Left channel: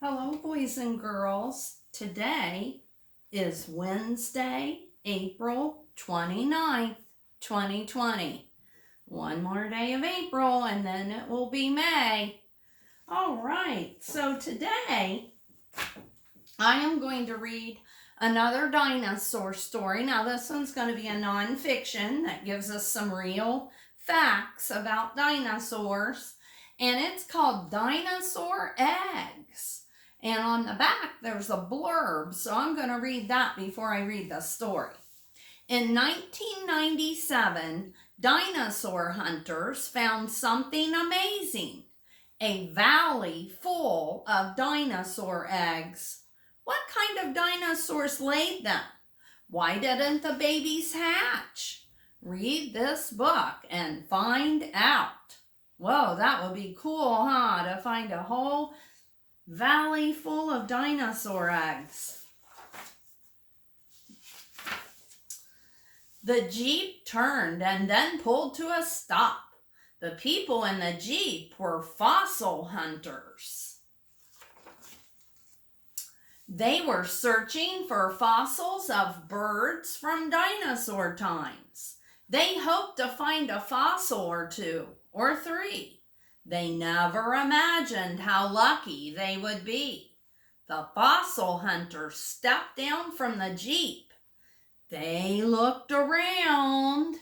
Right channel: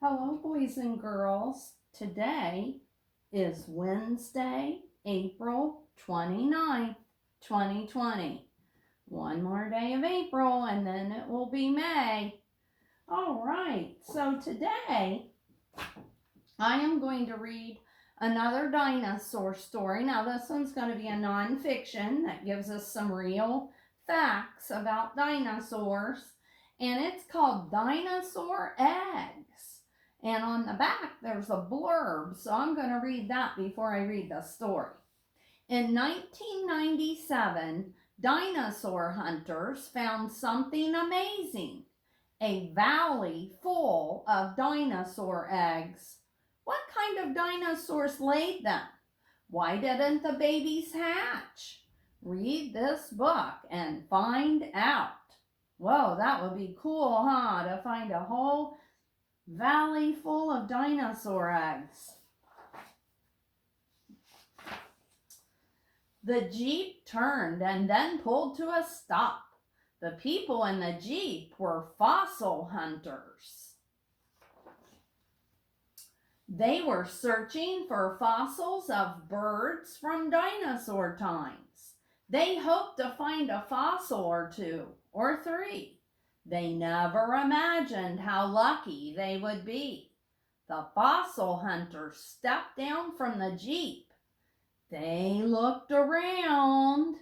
Hello, boys and girls. Today is Wednesday, April 29th, 2020. One more day of April and then it will be May. All right, so today I am going to read another dinosaur story. Now, this one's going to be a nonfiction that gives us some real facts about dinosaurs, and it's called Dinosaur Eggs. And on the back, there's a blurb, so I'm going to read that before I read the story. In 1997, dinosaur hunters found something amazing: a valley full of dinosaur eggs. What kind of dinosaurs laid them? Why didn't the babies hatch? Read this book and find out. Whoa, that would be cool, huh? To find a whole valley full of dinosaur eggs. The Jeep turned and then pulled to a stop. The people in the Jeep were fossil hunters. They were searching for fossils of birds from dinosaur times. They hoped to find a fossil or two or three. They never imagined how lucky they would be. The fossil hunters stepped down from the Jeep. They looked around.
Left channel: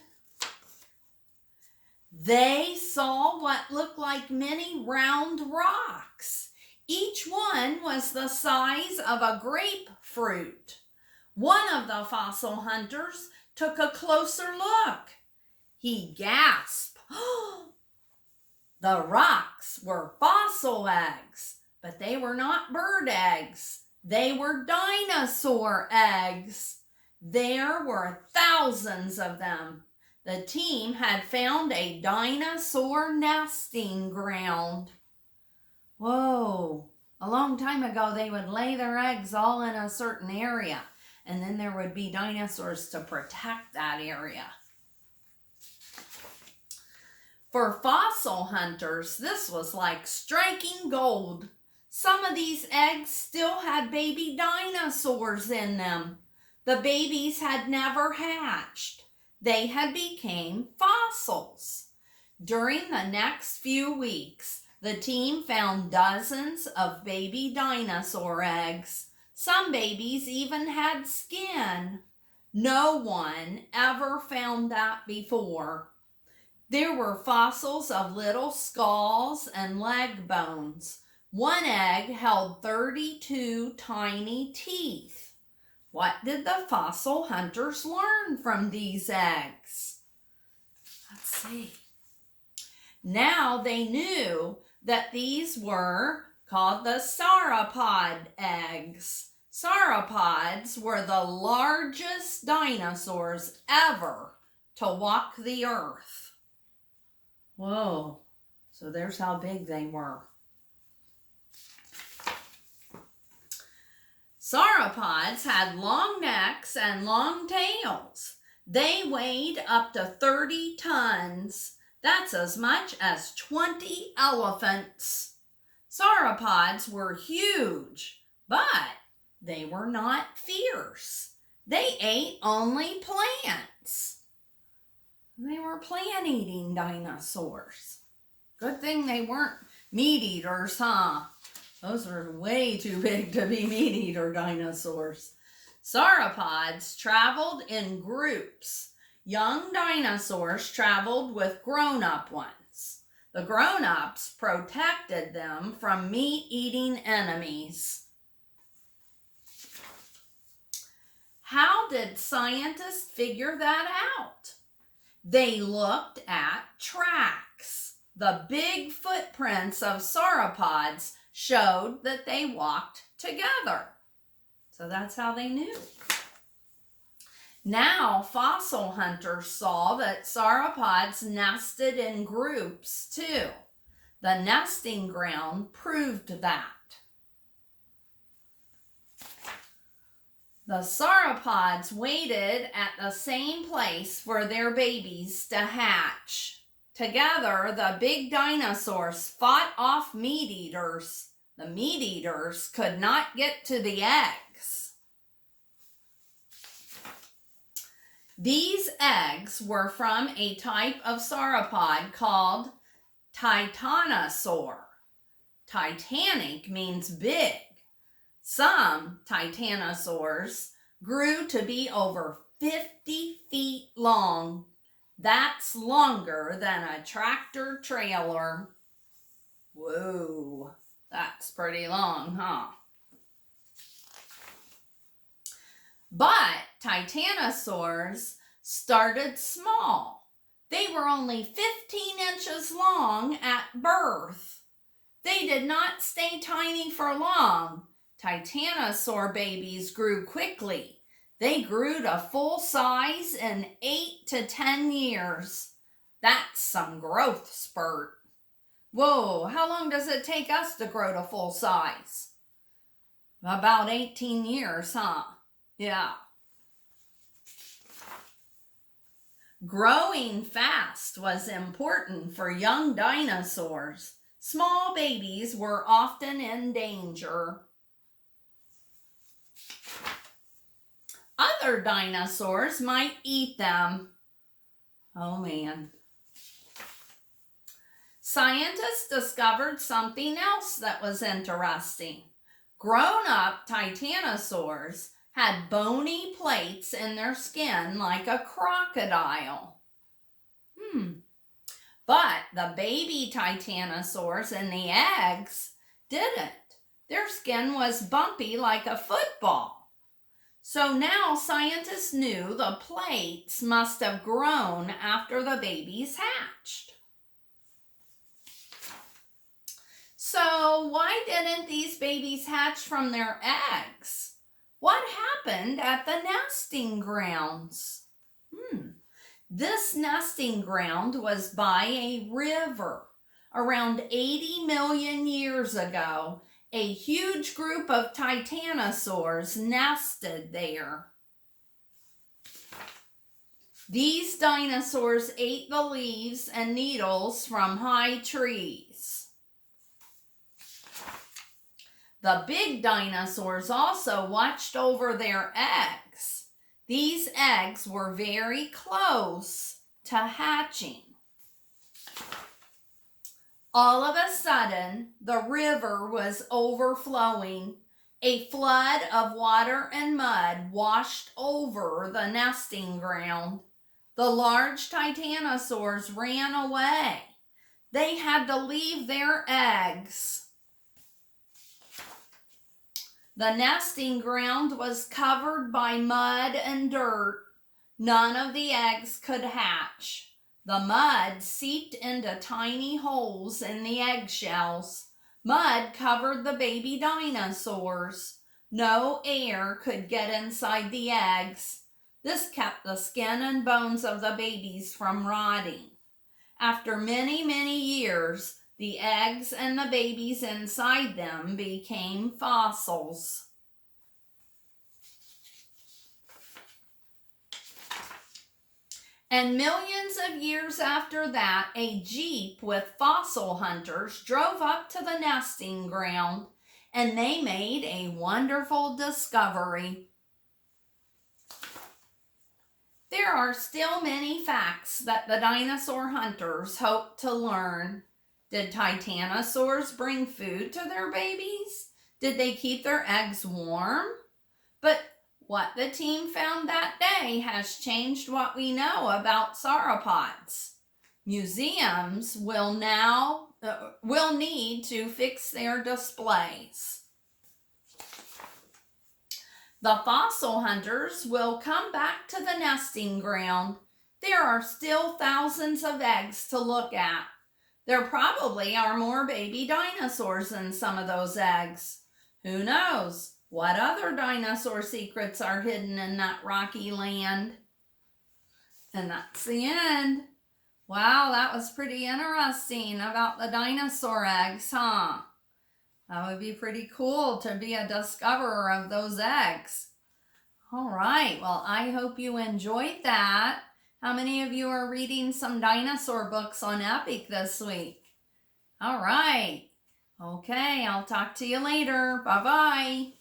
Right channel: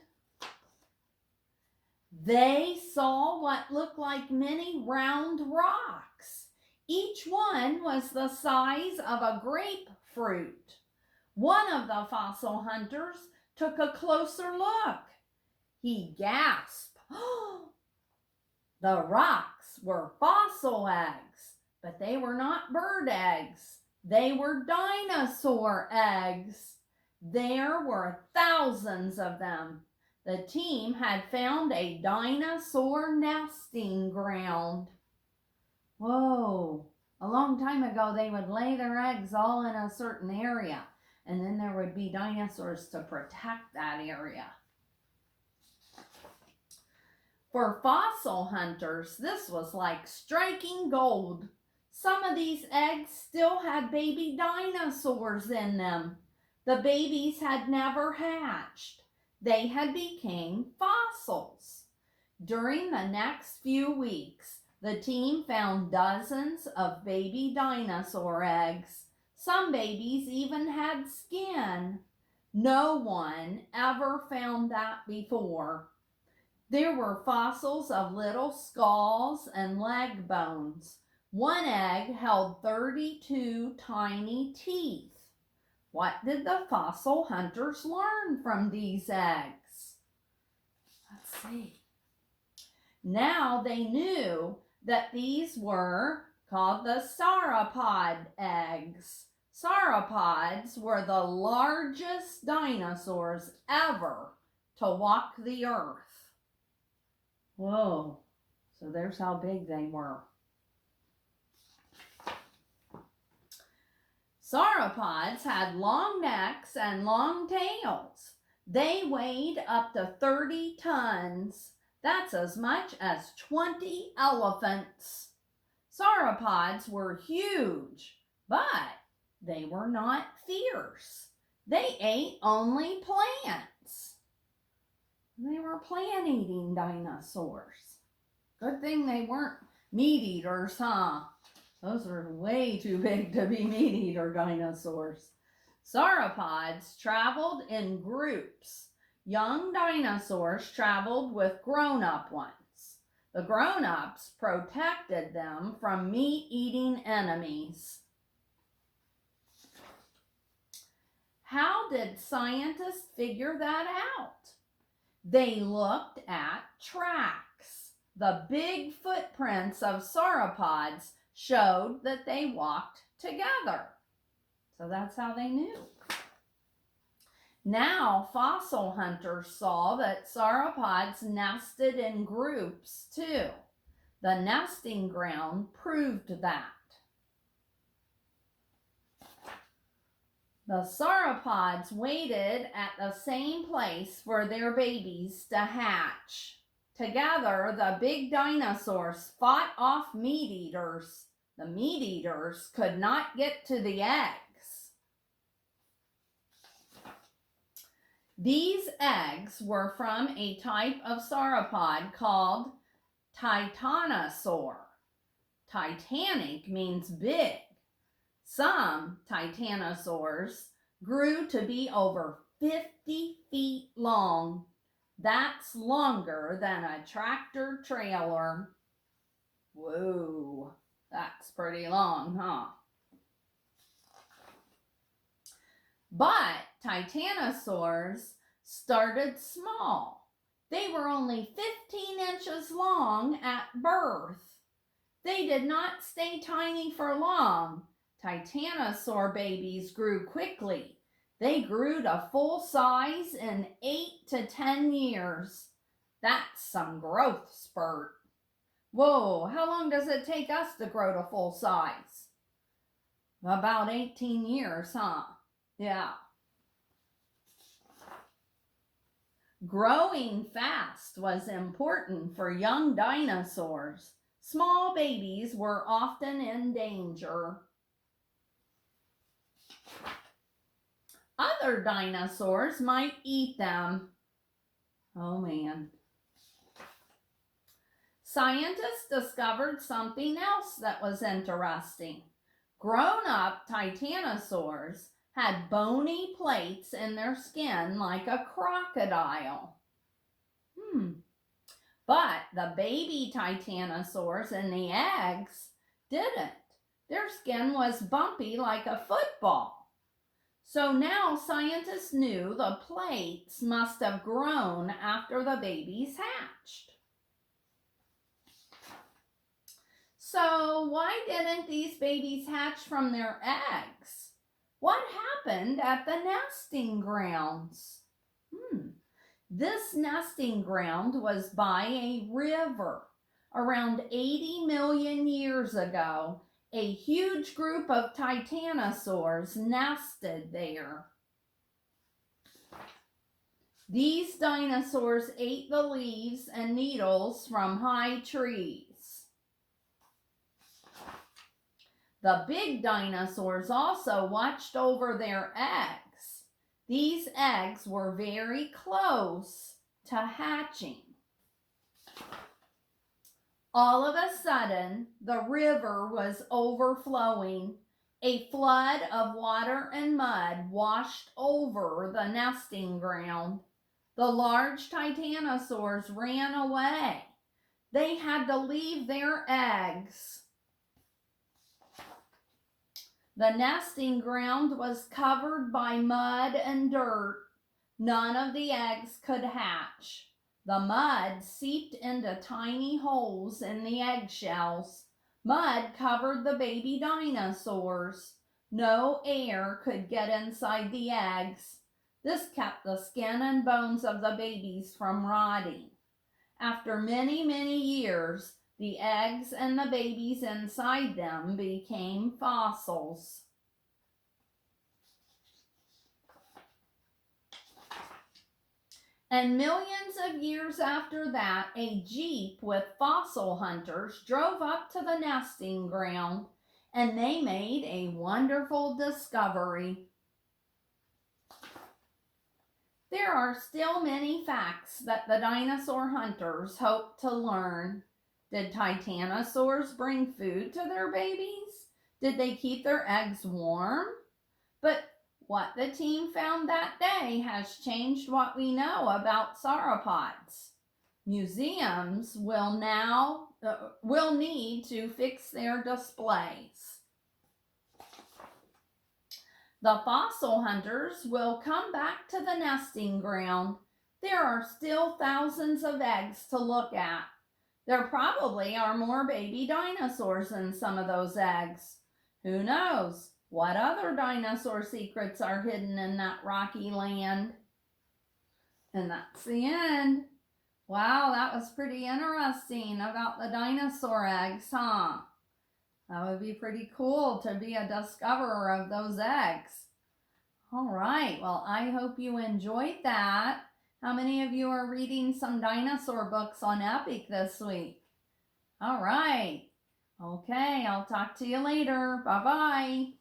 They saw what looked like many round rocks. Each one was the size of a grapefruit. One of the fossil hunters took a closer look. He gasped. The rocks were fossil eggs, but they were not bird eggs. They were dinosaur eggs. There were thousands of them. The team had found a dinosaur nesting ground. Whoa, a long time ago they would lay their eggs all in a certain area, and then there would be dinosaurs to protect that area. For fossil hunters, this was like striking gold. Some of these eggs still had baby dinosaurs in them. The babies had never hatched. They had become fossils. During the next few weeks, the team found dozens of baby dinosaur eggs. Some babies even had skin. No one ever found that before. There were fossils of little skulls and leg bones. One egg held 32 tiny teeth. What did the fossil hunters learn from these eggs? Let's see. Now they knew that these were called the sauropod eggs. Sauropods were the largest dinosaurs ever to walk the earth. Whoa, so there's how big they were. Sauropods had long necks and long tails. They weighed up to 30 tons. That's as much as 20 elephants. Sauropods were huge, but they were not fierce. They ate only plants. They were plant-eating dinosaurs. Good thing they weren't meat-eaters, huh? Those were way too big to be meat-eater dinosaurs. Sauropods traveled in groups. Young dinosaurs traveled with grown-up ones. The grown-ups protected them from meat-eating enemies. How did scientists figure that out? They looked at tracks. The big footprints of sauropods showed that they walked together. So that's how they knew. Now fossil hunters saw that sauropods nested in groups too. The nesting ground proved that. The sauropods waited at the same place for their babies to hatch. Together, the big dinosaurs fought off meat eaters. The meat eaters could not get to the eggs. These eggs were from a type of sauropod called Titanosaur. Titanic means big. Some titanosaurs grew to be over 50 feet long. That's longer than a tractor trailer. Whoa, that's pretty long, huh? But titanosaurs started small. They were only 15 inches long at birth. They did not stay tiny for long. Titanosaur babies grew quickly. They grew to full size in 8 to 10 years. That's some growth spurt. Whoa, how long does it take us to grow to full size? About 18 years, huh? Yeah. Growing fast was important for young dinosaurs. Small babies were often in danger. Other dinosaurs might eat them. Oh man. Scientists discovered something else that was interesting. Grown-up titanosaurs had bony plates in their skin like a crocodile. But the baby titanosaurs and the eggs didn't. Their skin was bumpy like a football. So now scientists knew the plates must have grown after the babies hatched. So why didn't these babies hatch from their eggs? What happened at the nesting grounds? This nesting ground was by a river. Around 80 million years ago, a huge group of titanosaurs nested there. These dinosaurs ate the leaves and needles from high trees. The big dinosaurs also watched over their eggs. These eggs were very close to hatching. All of a sudden, the river was overflowing. A flood of water and mud washed over the nesting ground. The large titanosaurs ran away. They had to leave their eggs. The nesting ground was covered by mud and dirt. None of the eggs could hatch. The mud seeped into tiny holes in the eggshells. Mud covered the baby dinosaurs. No air could get inside the eggs. This kept the skin and bones of the babies from rotting. After many, many years, the eggs and the babies inside them became fossils. And millions of years after that, a jeep with fossil hunters drove up to the nesting ground, and they made a wonderful discovery. There are still many facts that the dinosaur hunters hope to learn. Did titanosaurs bring food to their babies? Did they keep their eggs warm? But what the team found that day has changed what we know about sauropods. Museums will need to fix their displays. The fossil hunters will come back to the nesting ground. There are still thousands of eggs to look at. There probably are more baby dinosaurs in some of those eggs. Who knows what other dinosaur secrets are hidden in that rocky land? And that's the end. Wow, that was pretty interesting about the dinosaur eggs, huh? That would be pretty cool to be a discoverer of those eggs. All right, well, I hope you enjoyed that. How many of you are reading some dinosaur books on Epic this week? All right. Okay, I'll talk to you later. Bye-bye.